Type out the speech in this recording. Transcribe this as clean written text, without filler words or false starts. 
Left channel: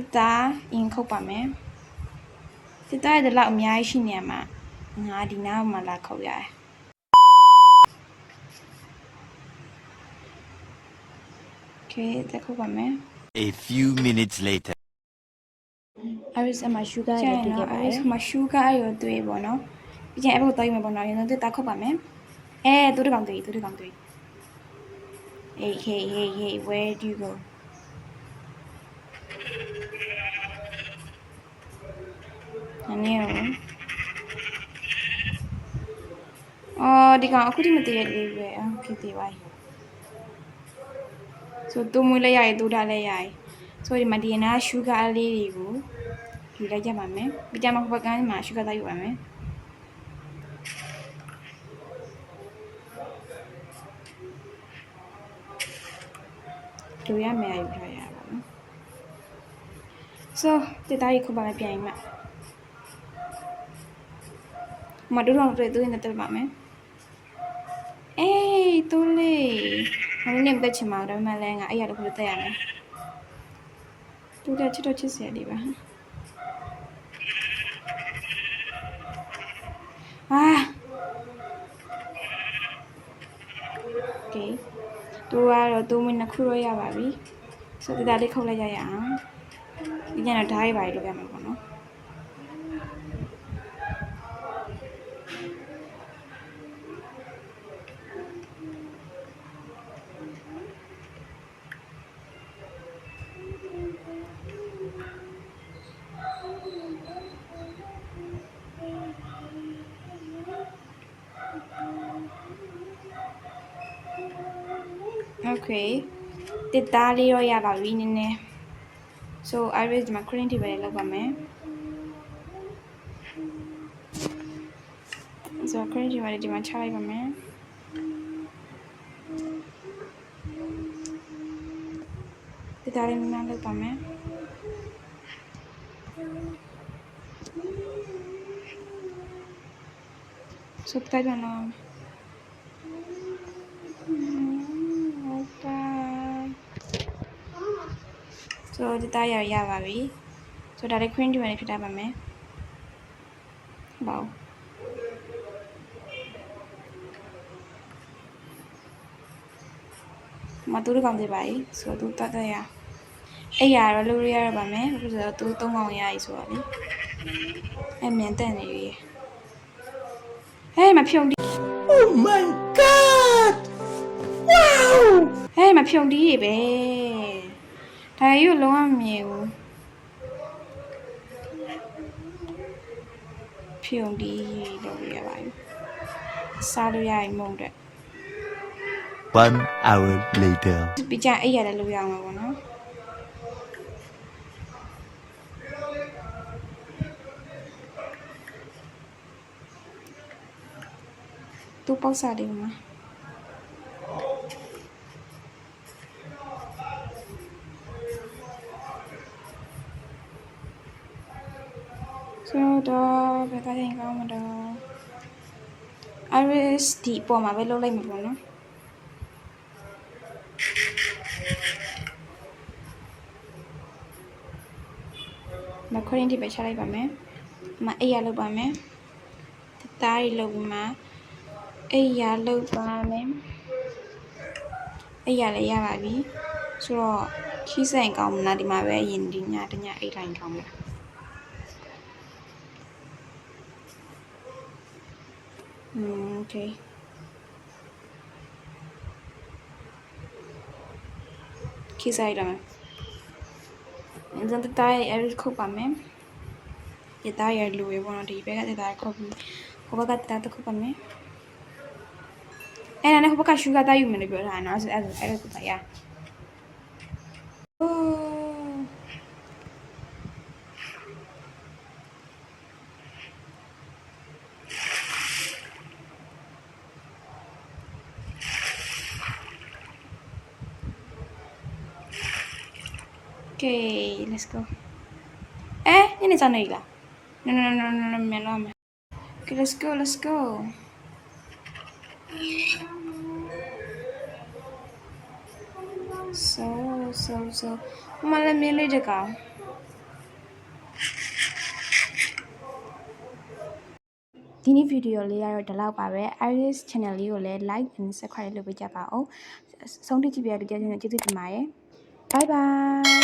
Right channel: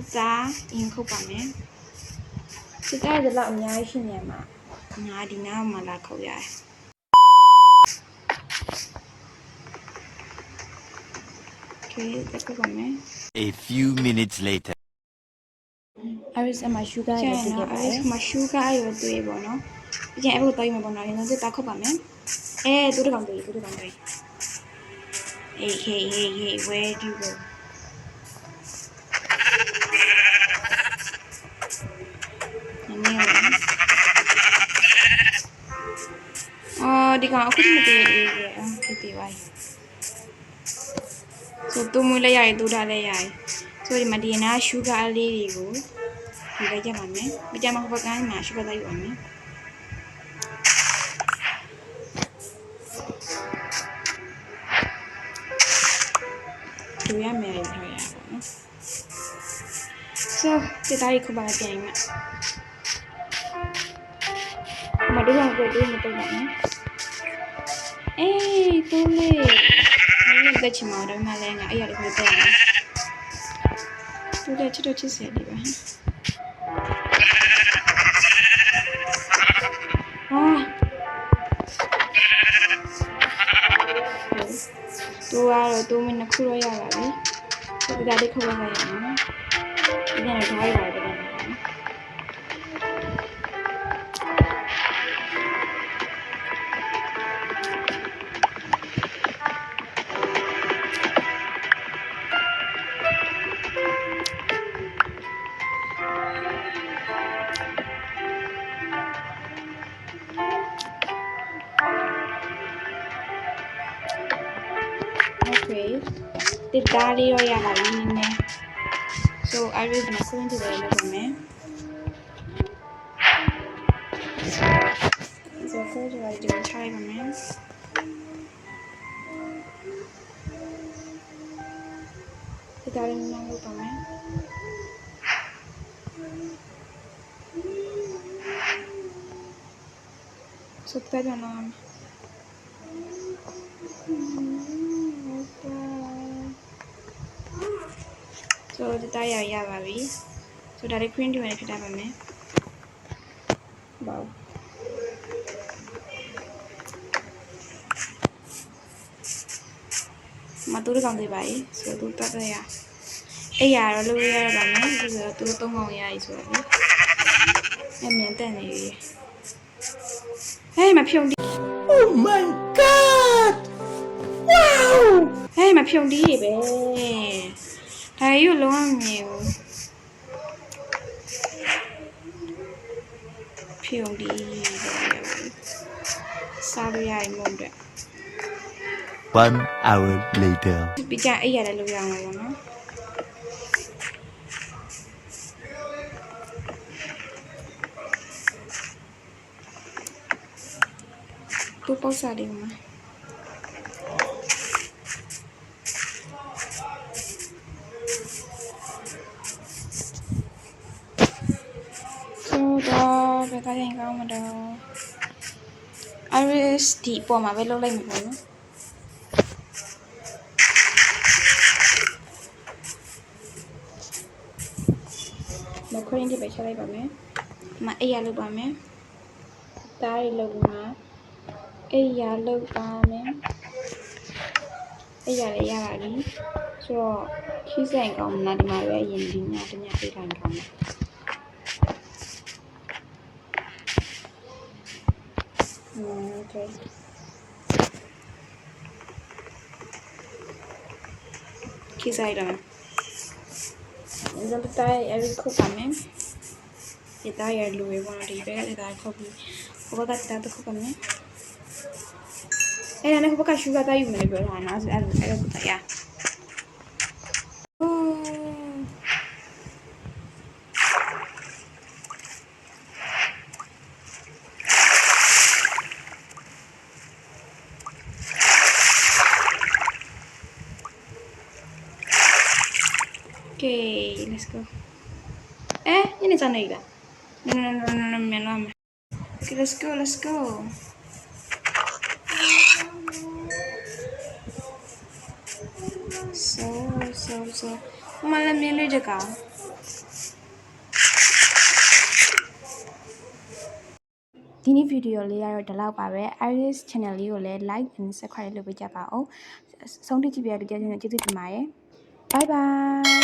တစ်သားအင်ခုတ်ပါမယ်တစ်သားရဲ့လောက်အများကြီးရှိနေမှာငါဒီနားမှာလာခုတ်ရတယ်โอเคတက်ခုတ်ပါမယ် A few minutes later Iris အမရှူဂါရတွေ့ခဲ့ပါတယ်။မရှူဂါရတွေ့ပေါ့နော်။ပြီးရင်အဲ့ဘက်တော့ရမယ်ပေါ့နော်။ရင်တော့တက်ခုတ်ပါမယ်။တူတကောင်တွေ့။ Hey, where do you go? နည်းအော်ဒီကောင်အခုထိမတည်ရသေးရဲ့။ဖြစ်တည်ပါ ဆိုတူမွေးလဲရတယ်တူထားလဲရတယ်ဆိုဒီမှာဒီနာရှူဂါလေးတွေကိုဒီလိုက်ကြပါမယ်ပြီးကြမှာဟိုဘက်ကန်းမှာရှူဂါသားယူပါမယ်ดูရမယ်ယူထားရပါတော့ဆိုတက်သားကြီးခုပါပြန်ရင်မတို့တော့တွေ့တွေ့နေတော့ပါမယ်အေးတူလေးငါလည်းတက်ချင်မှာဒါပေမဲ့လည်းငါအဲ့ရတော့ပြတက်ရမယ်တူတဲ့ချစ်တော့ချစ်စရာလေးပါတူကတော့တူမင်းနှစ်ခုတော့ရပါပြီဆိုတော့ဒါလေးခုတ်လိုက်ရအောင်ဒီကတော့ဓာတ်ရပါတယ်ပြန်ပါနော်Okay တစ်သားလေးတော့ရပါပြီနည်းနည်း so I will ဒီမှာ cream တွေပဲလုပ်ပါမယ် so cream တွေပဲဒီမှာထားလိုက်ပါမယ်တစ်သားလေးမှန်းလုပ်ပါမယ် so တစ်သားတော့ဆိုတော့တာရပါပြီဆိုတော့ဒါလေး cream တွေနဲ့ဖြစ်တာပါမယ်ဘောက်မတူးကောင်သေးပါ යි ဆိုတော့တတ်ရအဲ့ရတော့လုပ်ရပါမယ်ဆိုတော့သူ3ကောင်ရ යි ဆိုတော့လေအဲ့မြန်တက်နေရဟဲ့မဖြုံဒီ Oh my god Wow ဟဲ့မဖြုံဒီပဲဒါရုပ်လုံးဝမမြင်ဘူးဖြုံဒီလို့ရပါဘူးစားလို့ရရင်မုံတဲ့ 1 hour later ပြီးကြအဲ့ရတယ်လို့ရအောင်ပါဘောနော်တူပေါက်စားတယ်မှာတော့ဘယ်သားရင်ကောင်းမတော့ Iris ဒီပေါ်မှာပဲလုပ်လိုက်မှာပေါ့နော်မခရင်ဒီပဲချလိုက်ပါမယ်မအိယာလုပ်ပါမယ်တားရီလုပ်ပြီးမှအိယာလုပ်ပါမယ်အိယာလည်းရပါပြီဆိုတော့ခီးဆိုင်ကောင်းမလားဒီမှာပဲအရင်ဒီညတညအိတ်တိုင်းကောင်းမယ်Okay. Kisah dah. Jangan tertarik, Iris kau pamer. Kita ya dulu ya, mana di bawah kita kau beli. Kau kata tu kau pamer. Nanti kau pakai sugar tayu mana biar anak ada kita ya. Okay, let's go. Ini sana ilah. No, melam. Okay, let's go. So. Malam ni le jaga. ဒီနေ့ဗီဒီယိုလေးကတော့ဒီလောက်ပါပဲ Iris channel လေးကိုလည်း like and subscribe လုပ်ပေးကြပါဦးဆုံးဖြတ်ကြည့်ပြတဲ့ကြည့်ကျေးဇူးတင်ပါတယ် bye bye